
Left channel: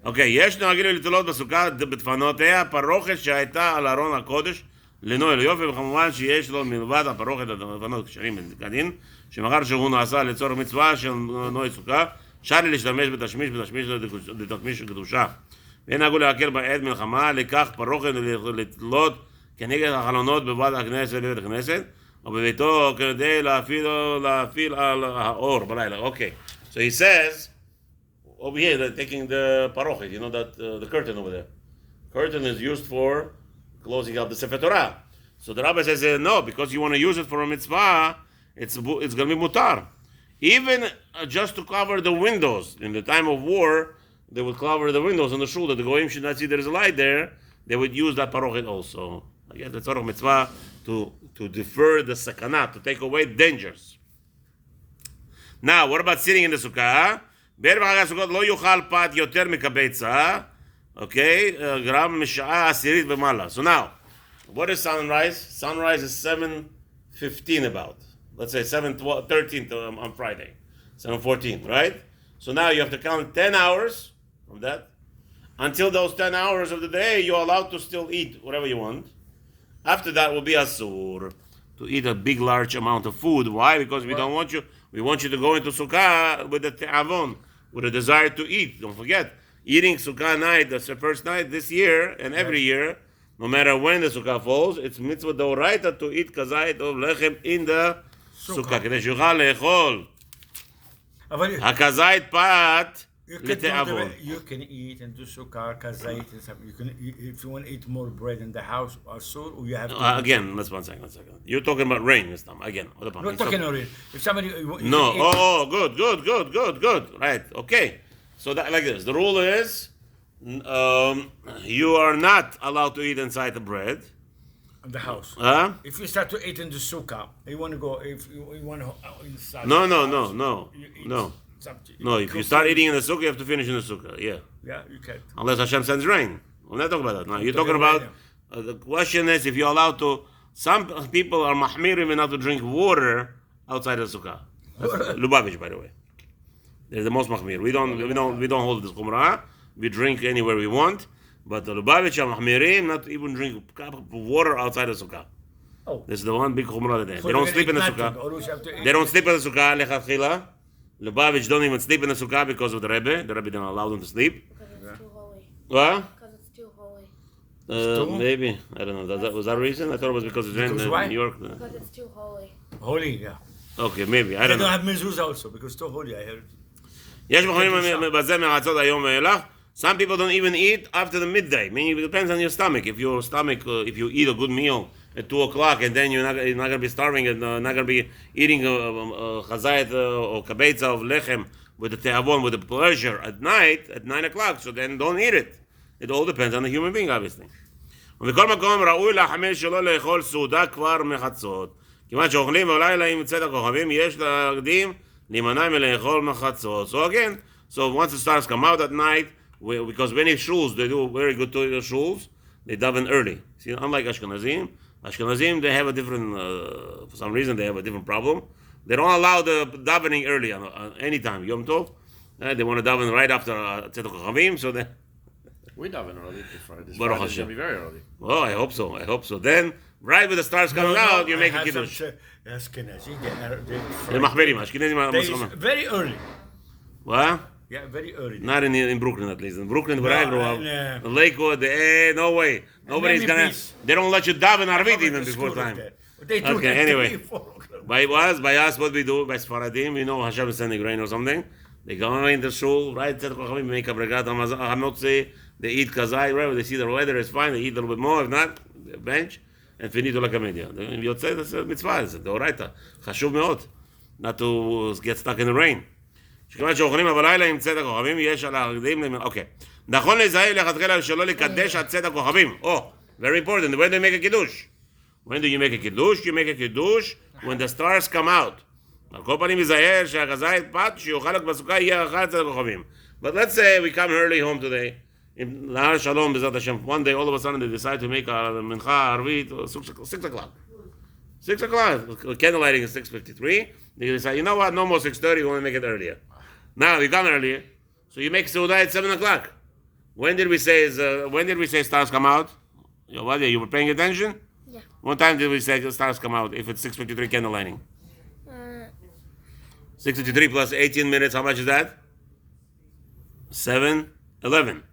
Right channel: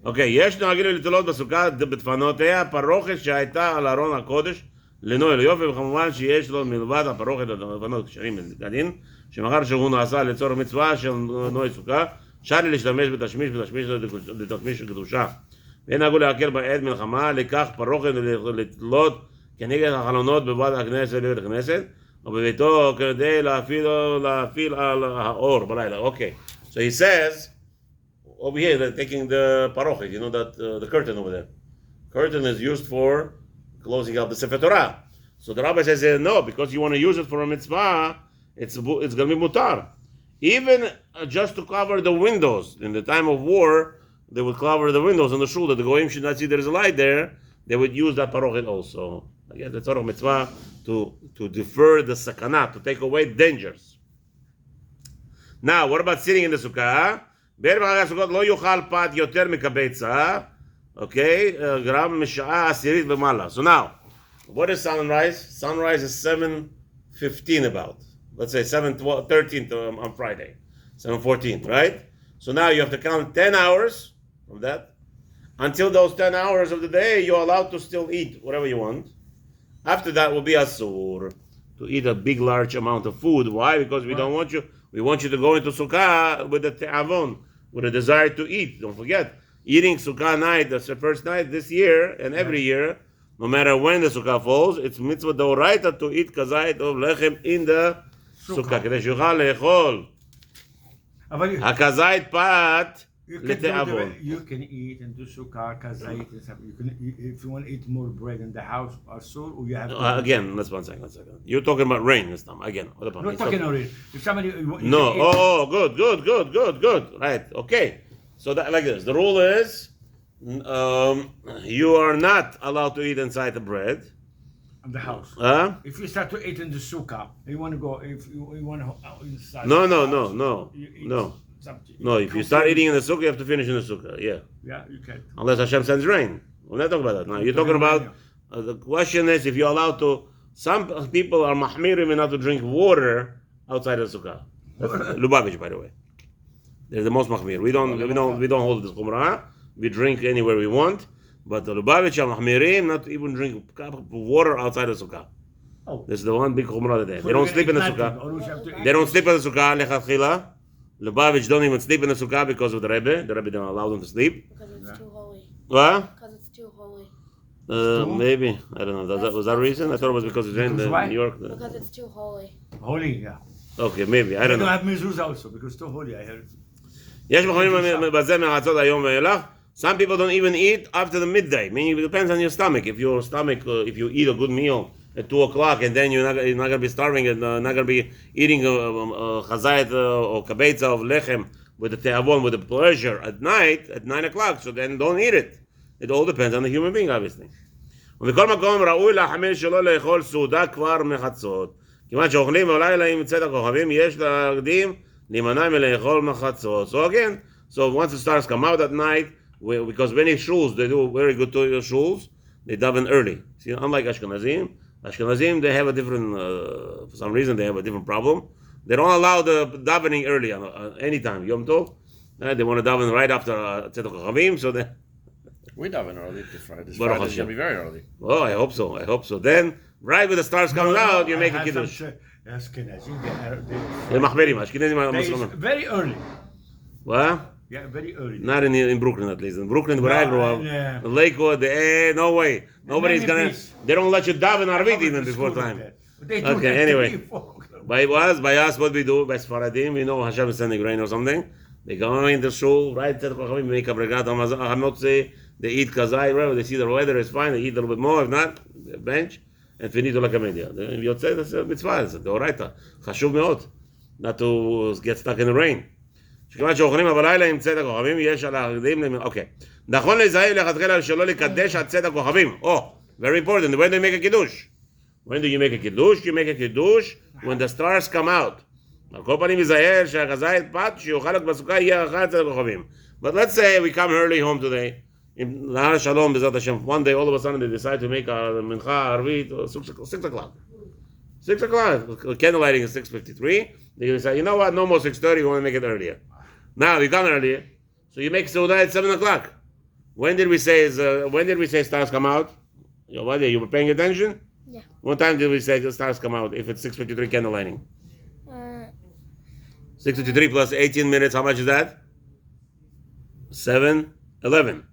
אוקיי, יש נוהגים לתלות בסוכה בדפנותיה הפרוכת שהייתה על ארון הקודש לנוי ליופי, וכמובן שיש לו מלבד הפרוכת הדפנות כשרים כדין, שמאחר שהוא נעשה לצורך מצווה של נוי סוכה, אפשר לי להשתמש בתשמיש לתשמיש קדושה. ואין נהגו להקל בעת מלחמה, לקח פרוכת לתלות כנגד החלונות בבית הכנסת בבית הכנסת, או בביתו כדי להפעיל על האור בלילה. אוקיי, so he says over here, they're taking the parochet, you know that the curtain over there. Curtain is used for closing up the Sefer Torah. So the rabbi says, no, because you want to use it for a mitzvah, it's going to be mutar. Even just to cover the windows. In the time of war, they would cover the windows on the shul that the goyim should not see there's a light there. They would use that parochet also. I guess that's sort of mitzvah to defer the sakana, to take away dangers. Now, what about sitting in the sukkah? בערב חג הסוכות לא יאכל פת יותר מקבצה, okay, גרם משעה עשירית ומעלה. So now, what is sunrise? Sunrise is 7:15 about. Let's say 7:13 on Friday. 7:14, right? So now you have to count 10 hours from that. Until those 10 hours of the day, you're allowed to still eat whatever you want. After that will be asur, to eat a big, large amount of food. Why? Because we want you to go into sukkah with the te'avon, with a desire to eat. Don't forget, eating sukkah night, that's the first night this year and every year, no matter when the sukkah falls, it's mitzvah d'oraita to eat kazait of lechem in the sukkah. כדי שיוכל לאכול הכזית פת לתיאבון. You can eat and do sukkah, kazait and stuff. You can eat, if you want to eat more bread in the house, asur, or you have to. Again, let's one second. You're talking about rain this time. Again, I'm not talking about it. If somebody. No. Oh, good. Right. Okay. So that like this. The rule is, you are not allowed to eat inside the bread. In the house. If you start to eat in the sukkah, you want to go. If you want to inside. No. Something. No, if you start eating in the sukkah, you have to finish in the sukkah. Yeah. Yeah, you can. Unless Hashem sends rain. We're not talking about that. Now you're talking about the question is if you're allowed to. Some people are mahmirim enough to drink water outside the sukkah. That's Lubavitch, by the way. They're the most mahmir. We don't hold this chumrah. We drink anywhere we want. But the Lubavitch are mahmirim not to even drink a cup of water outside the sukkah. Oh. This is the one big chumrah that they don't sleep in the sukkah. They don't sleep in the sukkah. Lechatchila. Lubavitch don't even sleep in the sukkah because of the Rebbe. The Rebbe don't allow them to sleep. Because it's too holy. What? Because it's too holy. Maybe. I don't know. Was that a reason? I thought it was because it's in New York. Because it's too holy. Holy, yeah. Okay, maybe. I don't know. They don't have mezuzah also because too holy, I heard. יש מחונים בזה מהרצות היום ואילך. Some people don't even eat after the midday. Meaning it depends on your stomach. If your stomach, if you eat a good meal at 2 o'clock and then you're not going to be starving and not going to be eating chazayit or kabetza of lechem with the te'avon, with the pleasure at night, at 9 o'clock, so then don't eat it. It all depends on the human being, obviously. ובכל מקום ראוי להחמיר שלא לאכול סעודה כבר מחצות. כיוון שאוכלים בלילה עם צאת הכוכבים, יש להקדים להימנע מלאכול מחצות. So again, once the stars come out at night, because many shuls, they do very good to your shuls, they daven early. See, unlike Ashkenazim, they have a different, for some reason, they have a different problem. They don't allow the davening early on any time. Yom Tov, they want to daven right after Tzedek HaChavim, so they... We daven early this Friday. This Baruch Friday's Hashem. going to be very early. Oh, I hope so. Then, right with the stars coming out, you make a kiddush. They're mahmirim. Ashkenazim are very early. What? Yeah, very early. Not in Brooklyn, at least. In Brooklyn, where I grew up, in Lakewood, no way. Nobody's gonna. They don't let you daven Arvit even before time. Okay, anyway. By us, what we do, by Sfaradim, we know Hashem is sending rain or something. They go in the shul, right? Make a bregat hamotzi. They eat kazai, wherever they see the weather is fine. They eat a little bit more. If not, they bench and finito la kamedia. Yotzei, that's a mitzvah. It's a deoraita. Chashuv meot, not to get stuck in the rain. שכיוון שאוכלים בלילה עם צאת הכוכבים, יש על ההקדים, אוקיי. נכון לזהב לכתחילה שלא לקדש עד צאת הכוכבים. Oh, very important. When do you make a kiddush? When do you make a kiddush? You make a kiddush when the stars come out. על כל פנים יזהר שהכזית פת שיוכל רק בסוכה יהיה אחר צאת הכוכבים. But let's say we come early home today. Lahar Shalom, Bezat Hashem, one day all of a sudden they decide to make a Mincha Arvit 6 o'clock. 6 o'clock. Candle lighting is 6:53. They decide, you know what? No more 6:30. We want to make it earlier. Now you come earlier, so you make Seudah at 7 o'clock. When did we say stars come out? You were paying attention? Yeah. What time did we say the stars come out? If it's 6:53 candle lighting, 6:53 plus 18 minutes. How much is that? 7:11.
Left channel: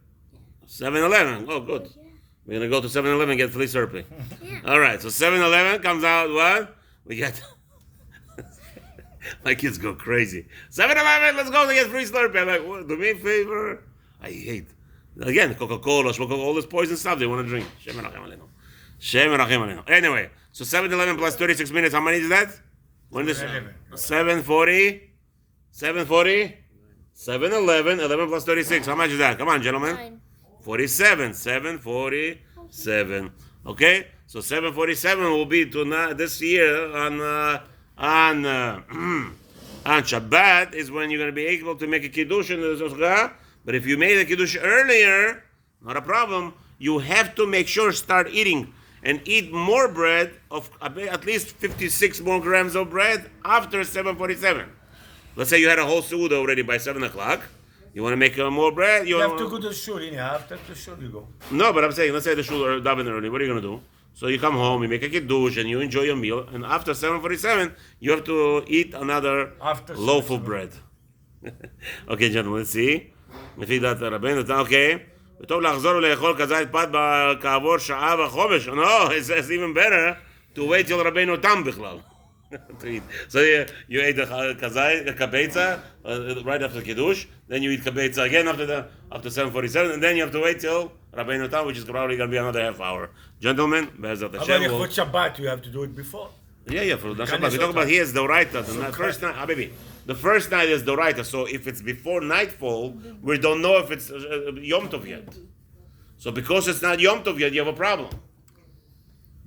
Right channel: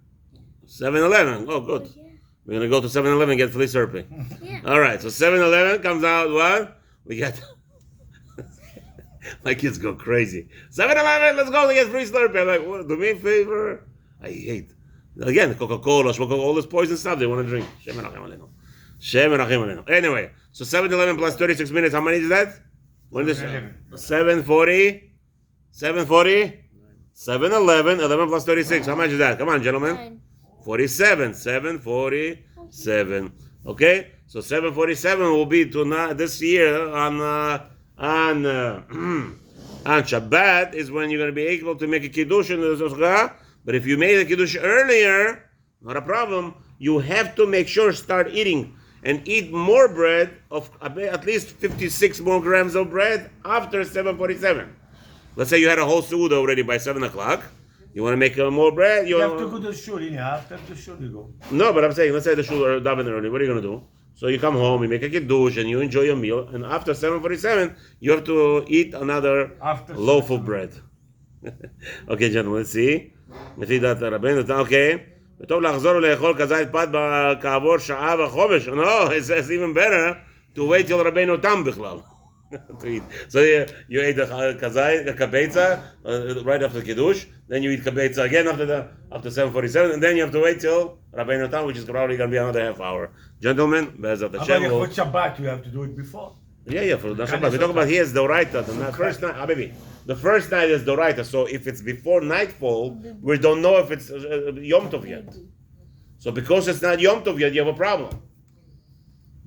7:11. Oh, good. Yeah. We're gonna go to 7-Eleven and get free Slurpee. Yeah. All right. So 7-Eleven comes out. What? We get. My kids go crazy. 7-Eleven. Let's go to get free Slurpee. I'm like, what, do me a favor. I hate. Again, Coca-Cola, all this poison stuff they want to drink. Shem Erachim Aleinu. Shem Erachim Aleinu. Anyway, so 7-Eleven plus 36 minutes. How many is that? When this 7:40. 7-Eleven. 11 plus 36. How much is that? Come on, gentlemen. 9. 47. 7:47. Okay, so 7:47 will be this year on Shabbat is when you're going to be able to make a kiddush in the Zohar. But if you made a kiddush earlier, not a problem. You have to make sure start eating and eat more bread of at least 56 more grams of bread after 7:47. Let's say you had a whole Seudah already by 7 o'clock. You want to make more bread? You have to go to shul. After the shul you go. No, but I'm saying, let's say the shul or daven early. What are you going to do? So you come home, you make a kiddush, and you enjoy your meal. And after 7:47, you have to eat another loaf of bread. Okay, gentlemen, let's see. לפי דעת רבנו, okay. וטוב לחזור ולאכול כזית פת כעבור שעה וחומש. No, it's even better to wait till רבנו תם בכלל. So you ate the kazai, the kabetza, right after kiddush. Then you eat kabetza again after 7:47, and then you have to wait till Rabbeinu Tam, which is probably going to be another half hour. Gentlemen, Be'ezat Hashem. For Shabbat, you have to do it before. Yeah, for Shabbat. We talk about here is Doraita. The first night, the first night is Doraita. So if it's before nightfall, we don't know if it's Yom Tov yet. So because it's not Yom Tov yet, you have a problem.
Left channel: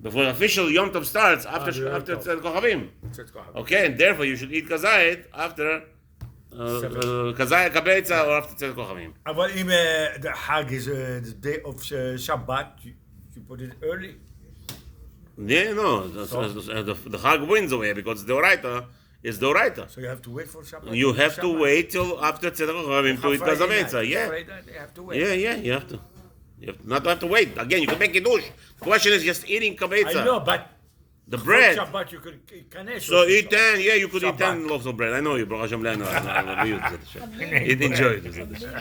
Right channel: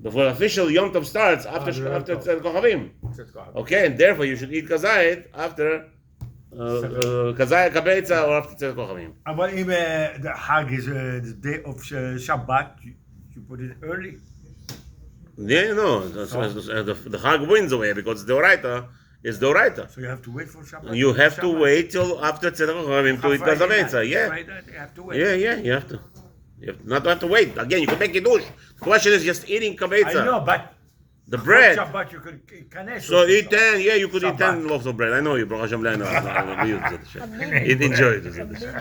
Before official Yom Tov starts after Tzed Kochavim. Okay, and therefore you should eat kazayit after kazayit kabetza or after Tzed Kochavim. But if the Hag is the day of Shabbat, you put it early. Yeah, no, the Hag wins away because the Oraita is the Oraita. So you have to wait for Shabbat. You have to wait till after Tzed Kochavim to eat kazayit. Yeah, You have to wait. yeah, you have to. You have to wait. Again, you can make kiddush. The question is just eating kabetza. I know, but the bread. Shabbat you could So eat 10. Yeah, you could eat 10 loaves of bread. I know you, Baruch Hashem. I know. Enjoy it.